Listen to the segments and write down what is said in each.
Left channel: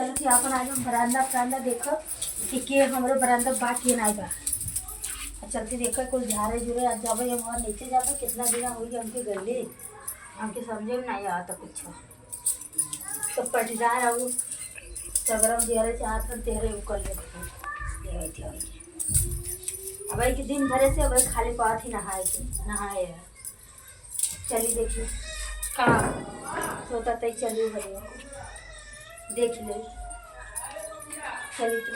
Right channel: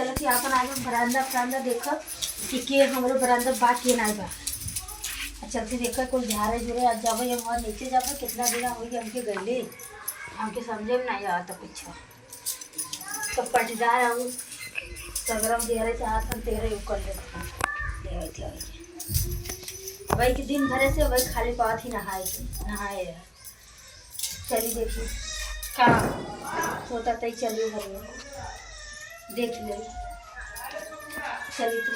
चलो कि अपन आज बरामदा बरामदा देखो कि हमारे बरामदा बात के ना बा चलते देखो कोई झारे जुरे आज जाबे हम और नीचे जाबे कितना दिन हो गया हमके गले हमके समझे में नहीं आता कुछ तो पटदार हूँ सगरम दे रहे चाहत हम तेरे कर ले थे भाई कि दिन भरे से भाई खाली पात ही नहाए चलिए देखिए कहाँ सोता तय चलिए भरे देख ले चलिए तो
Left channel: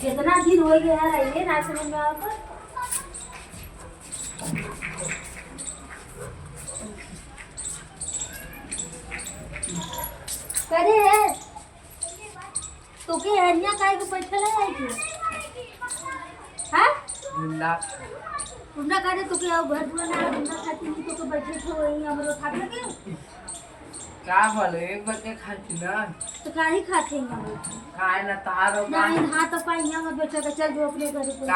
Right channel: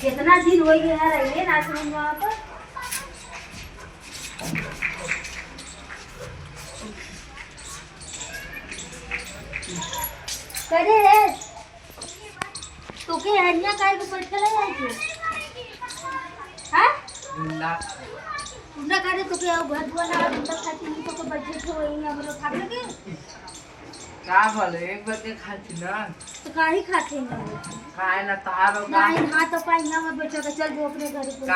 कितना दिन हो गया रहिए ना समझ में आप करे है तो के हरिया काय के पैसा लगाई थी हां उन्ना करे तो के भदवा ना उन्ना खाती नहीं तो बच्चे तो वही हमरो खा लगे का बोले एक बच्चे खाती ना तो काहे खाते हैं हम खाए ना तारो का नहीं हाथ पाई यहाँ मत बच्चा का चल जो अपने घर पे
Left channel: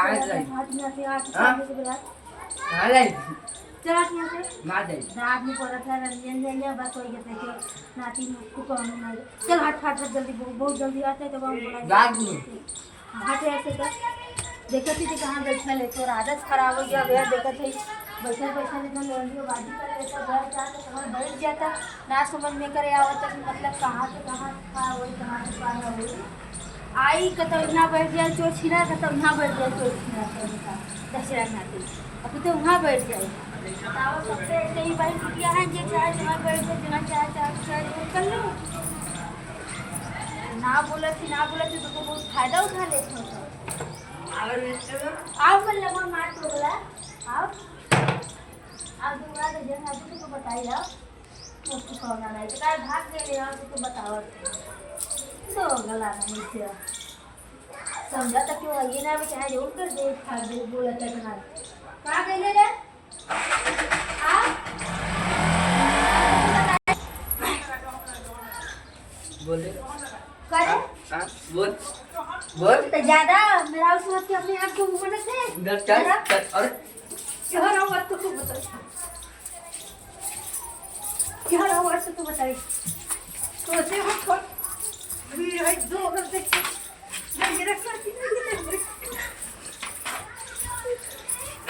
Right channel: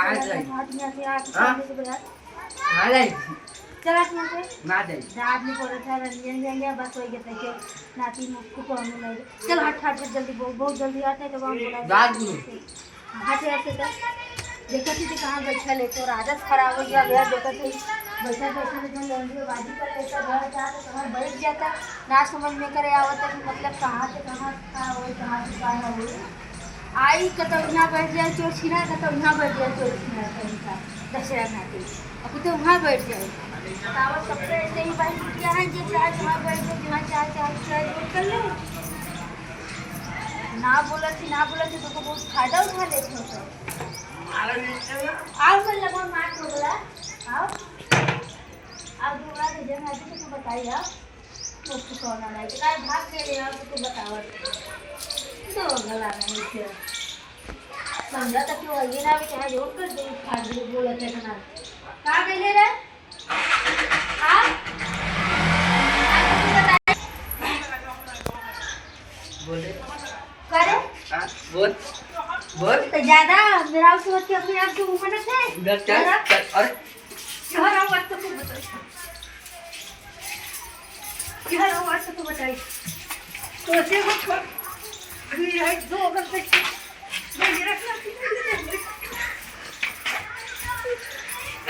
हाथ में आके आके से बोला हां ले चल हाथ में से ना दे दाद में पड़ा था रंजन जाएंगे बस हो गया था नाती मुझको कहने लगे चल हाथ जल्दी बहुत जल्दी आते तो हम बोला दाद में हाथ ऐसे कर देखा थी कि कहाँ बैठा ले तो आदत खराब हो गया भैया देखा थी बैठा बैठा जब लौंडी बाजी कर लेता घर जाता तो वहाँ बैठ जाता ना समझ में करे आवता कि मतलब कहाँ से कहाँ था वही कहाँ से पाया हुई आई कतौना बैठ जाए चोर छिना कतौना बैठ जाए चोर छिना कहीं का दशहरा नाते अब तो वहाँ बैठ जाए बताओ सबसे ऐसे ही भाई किया है ये चाहे जहाँ बैठ जाए जहाँ चाहे कर लो ना बोला थी तो बहुत फायदा उठा लेते हो तो आओ मन लगा मार तो बोला आओ आप दूसरा दे जन आज तो बताइए आप मुझको कौन आना है तो काय भाग गए ले आप तो बताओ तो गला नहीं किया समझा तक क्यों ये ना भी चाहे जोड़ कर दे खा दे बोला था ना कहां गए रे हां बोले करे हां बोल तो ज्यादा मेरा सोच के अपने आप को ऊपर से इधर चल अरे शहर हम बात तो बता क्या रहा बात तो बताइए तो से वो छोड़ अभी है 2 घंटे ये रखना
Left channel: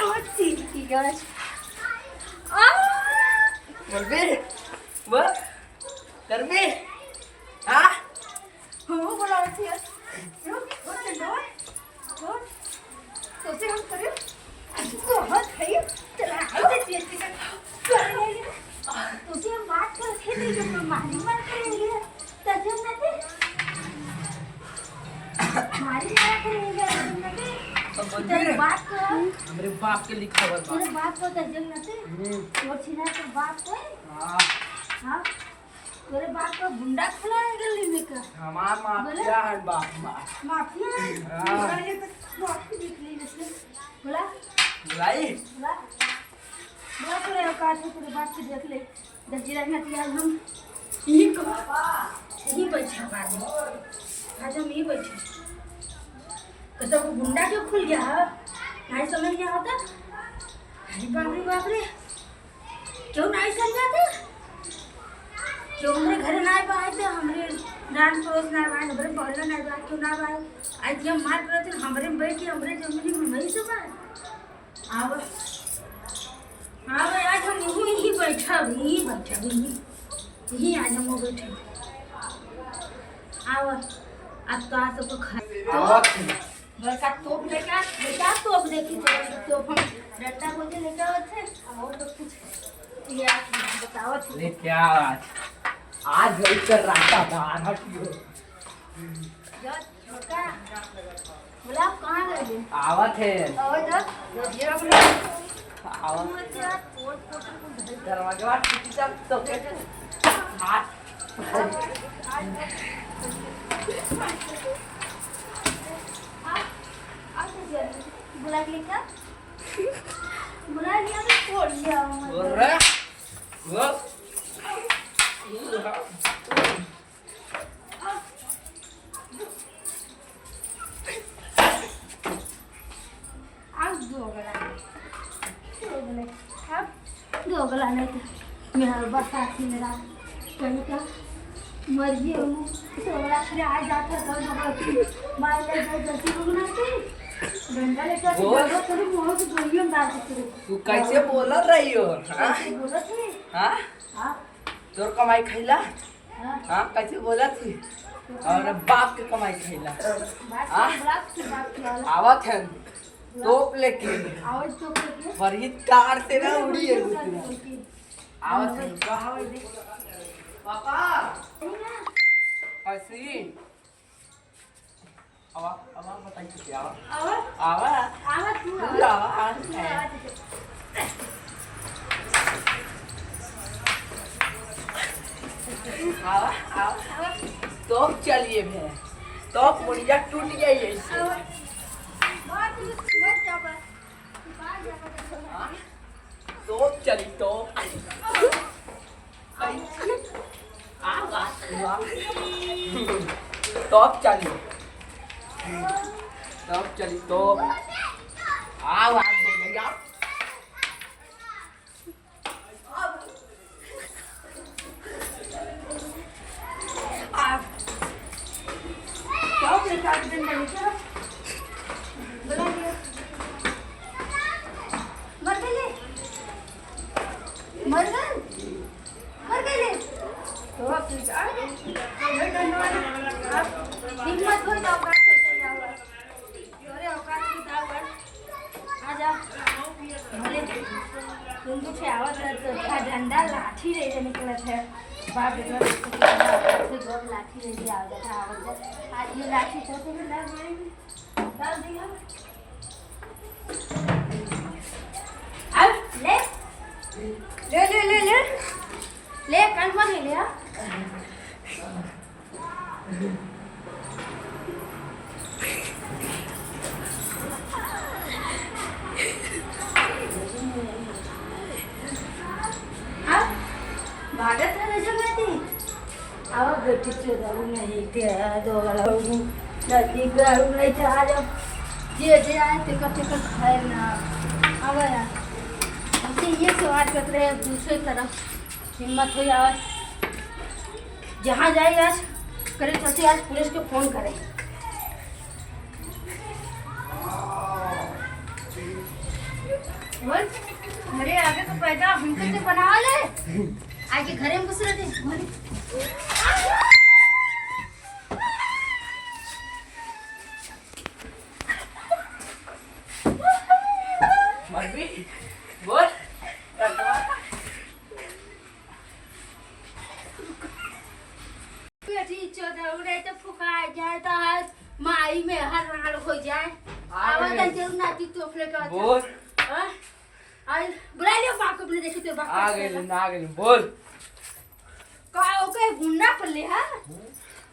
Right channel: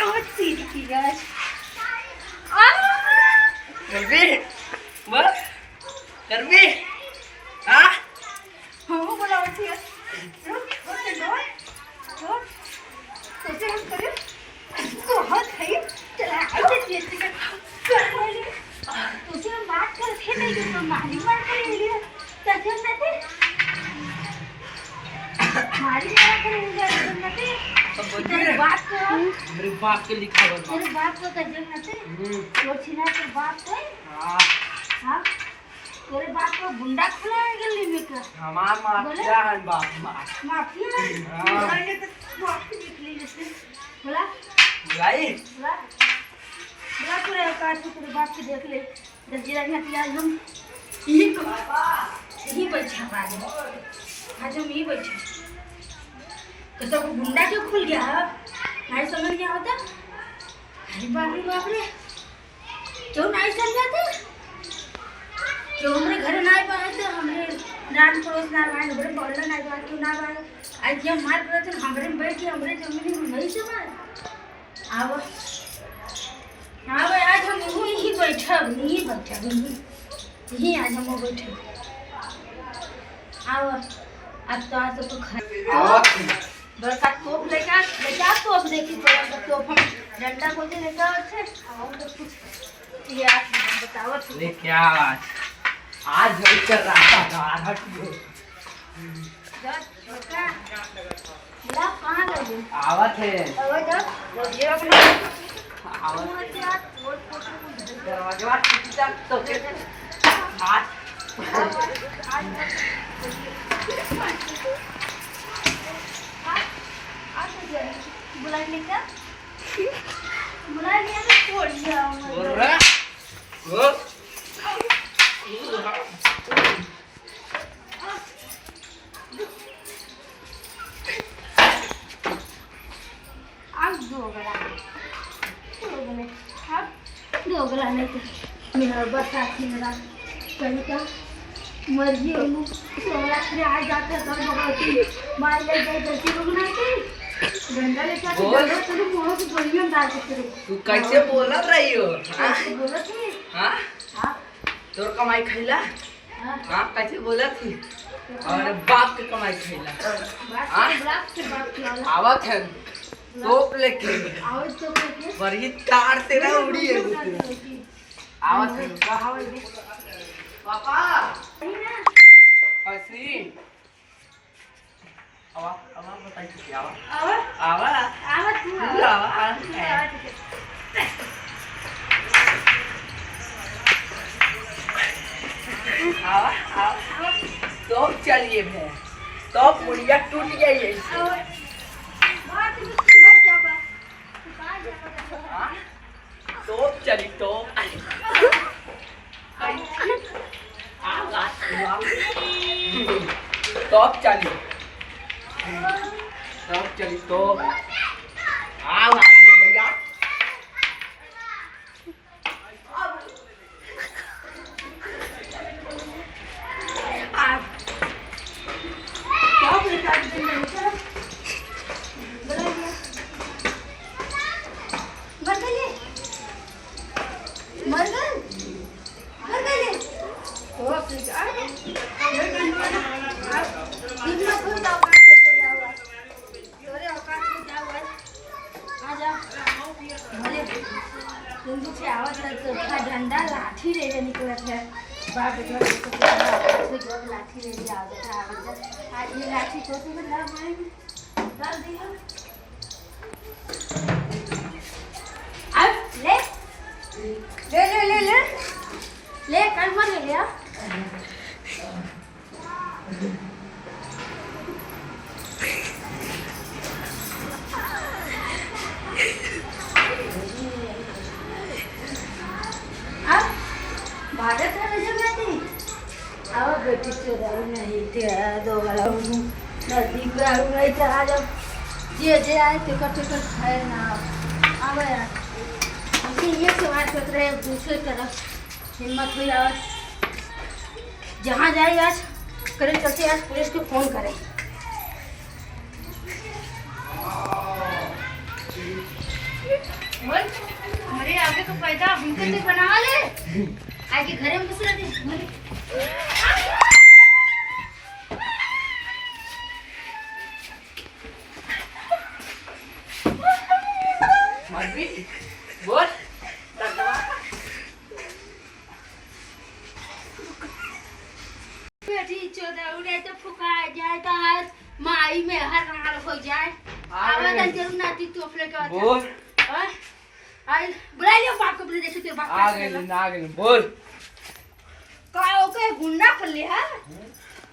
आज पीली की गाज कर भी हां हम बोला थी कैसे हम करें तो हाथ है चला आइए चेक कर ले तुझे हम बात कर थे नहीं तो मारी मार कर ले तजम न थे मारी मार कर ले तजम न थे तेरे बाप को मेरे बाप के लिखा हुआ तेरे बाप को तजम न थे तो छिना तेरे बाप को हां हां तेरे बाप को गुंडा खुला है गली में का हमार माफिया है बाप माफिया है मैंने तो माफी निकली जैसे बोला बुलाई बोला तेरे काट तेरे बाप की देख ले जल्दी में पिया हम यही बैठा बाजी आज हम यही बैठे तो सब गुंडा क्यों खुल गया नहीं समझ नहीं आता अरे बाप रे क्यों नहीं समझाते क्यों हमरे घर ना आए पाए थे हमरे नान पड़ोस ना आए हमरे बगल ना आए क्यों ना आए आज ये मार पड़े तो हमरे में बैठी हमरे जमीन में वही सब अब हाँ भाई आज हम यही बैठा यही आज हम बैठे आओ अब तो आज तो खा बस आप तोप लेकर तोप देखी तो हम डंडा को लेकर अच्छे आओ तो कुछ ये आप बताओ ले क्या आज वही कर रहा था हटियो बोला कहाँ गए आवत है दरवाजे बात तो बुला लिया छोड़ दिया बोल रहा बोल अब जो दोगला नहीं तो मेरा बरसाती मेरा कहीं का मर्जी हो मुँह सोला फिर आ जाता सब भगवती मार ले जाए जैसे लोग ना के डंडा लेके आके डंडा चलो मुँह की गोली में डाल के तू कैसे बोलत रही हो? कैसे बोला थी हाँ हाँ तोर कमाई खैला? हाँ हाँ कैसे बोला थी? और बाप के कमाई खैला? बात से बात किया आवत है तोप लेके और तो क्या बड़ी तार से ना उड़ी है आवत है का पापा ऐसी आवा आवा बताई कि आवा आवा आवा आवा आवा तो चलिए भैया तो मुड़िया टूट गई है तो चली तो टॉप चली तो आवाज दे भैया झंडा लाठी ले जा निकलत है बाप बेटा लाठी ले जा आज ये लाठी छोटे में डाल डाल दिया अब ले ले ले ले ले ले कल मत ले गया भारत में जब थी अब बेटी चुराऊ नहीं थे दो गला नदी गाड़ू नहीं था आज जे जे आए टिकट टिकट खाए ना अब यार ये सवाल करते रहे दूसरे तरफ हिम्मत हुई आज जहाँ जाए आज करें चलते आज पुलिस को फोन करें बोल मेरे आगे को पैदा हमसे भी बना ले आगे घरे में घुस रहे थे बोल उड़े तो फुका जाए तो आज माई में हर रंगल हो जाए आवाज जरूर नाती तो अपने का बोल आई बुला लियो बाप को अपने देखे तो बाप आ गए बोल का ओके गुंडा पल्ले है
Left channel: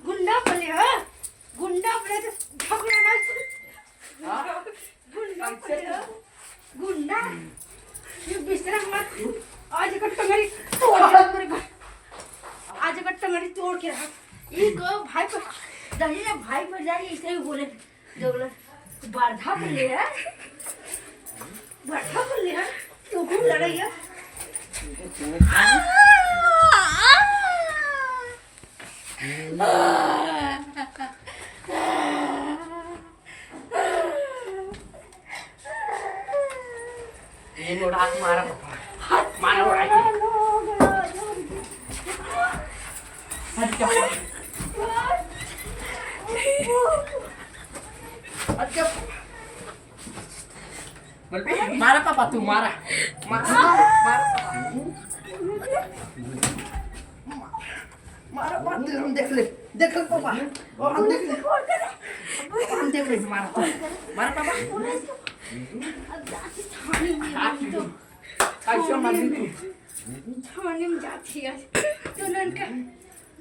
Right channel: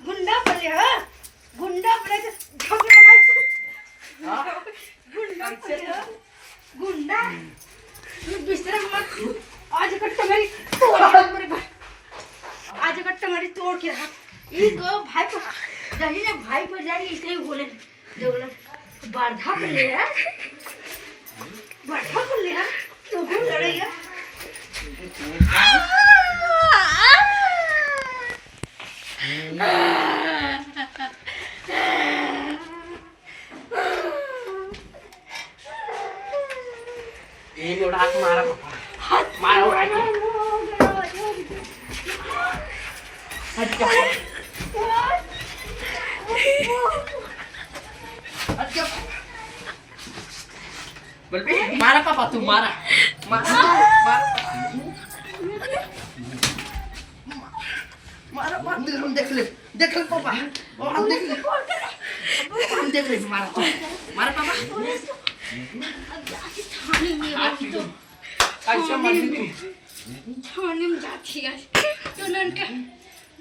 गुंडा पल्ले है गुंडा पल्ले तो झगड़ा ना गुंडा पल्ले गुंडा तू बिस्तर मत आज कट्टा मेरी तोड़ मेरी आज कट्टा मेरी तोड़ के रख ये गो भाई को दही ना भाई पर जाएगी इसके ही बोले दोगला बारधा पल्ले है बारधा पल्ले है तो गुंड लड़ाई ये उड़ा के मारा मारा उड़ा के मारा पापा तू मारा मारा हम देख ले पापा हम देख ले मारा पापा कैसे मारी तू थाने में जाती है तो ननका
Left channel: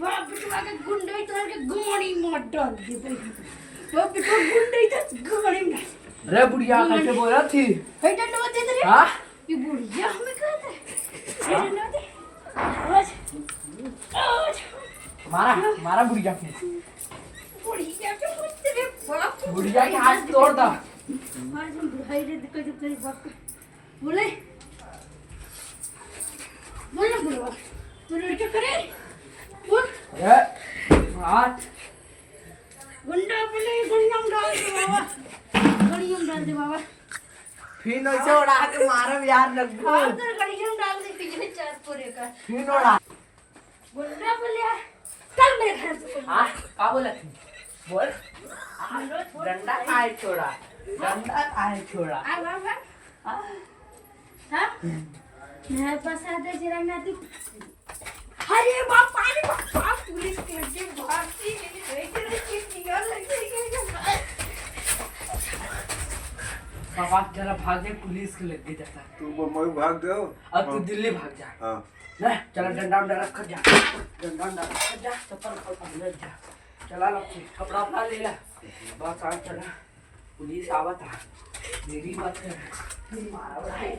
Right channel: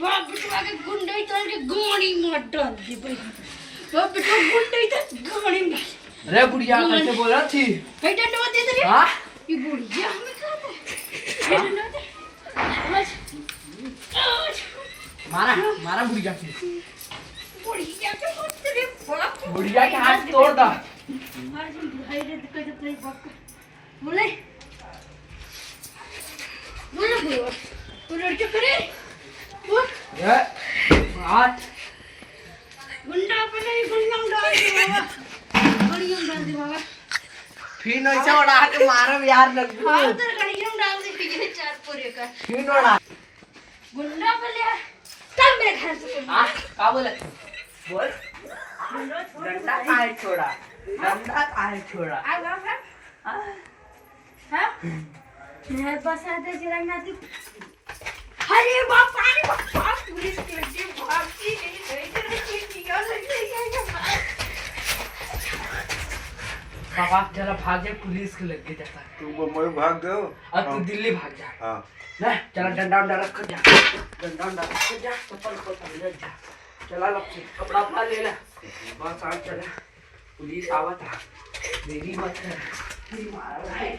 बाप बेटा के गुंडे तो के गोणी मत डाल दे भाई बाप बेटा गुंडे तो गोणी में रे बुढ़िया कैसे बोला थी हे डंडा दे दे हां ये बुढ़िया हमें कहते हे डंडा दे आज मारा बुढ़िया के बुढ़िया के मत तेरे बाप बुढ़िया के हाथ तोड़ दा आज हम बुढ़ाई रे दिक्कत जब तेरी बाप का बोले बोले तू लड़के करे बोल ये हाथ गुंडा पहले गुंडा डाल दे बाबा गड़ियों डाल दे बाबा फिर ऐसे उड़ा के मारो यार लग हाँ उधर गड़ियों डाल दे पिछले चार पूरे का फिर उड़ा गुंडा पहले चल मेरे घर से हाँ क्या बोले बोल डंडा काहे छोड़ा डंडा काहे छोड़ा आ बाबा हाँ मेरे पास आते जरा ना तू अरे बाप पानी बाप पुलिस के लगे भागती नहीं रही निकाल लगे बाबा जरा भाग जाए पुलिस के लग गई जाता तू मुंबई भाग दो अब तू दिल्ली भाग जा हाँ ना चला डंडा उंडा रख कर जा डंडा उंडा रख कर जा चप्पल खोल ले जा चला लपसी कपड़ा अपना ले ला बस आ चला पुलिस आवत है मेरी मत है मार रहा है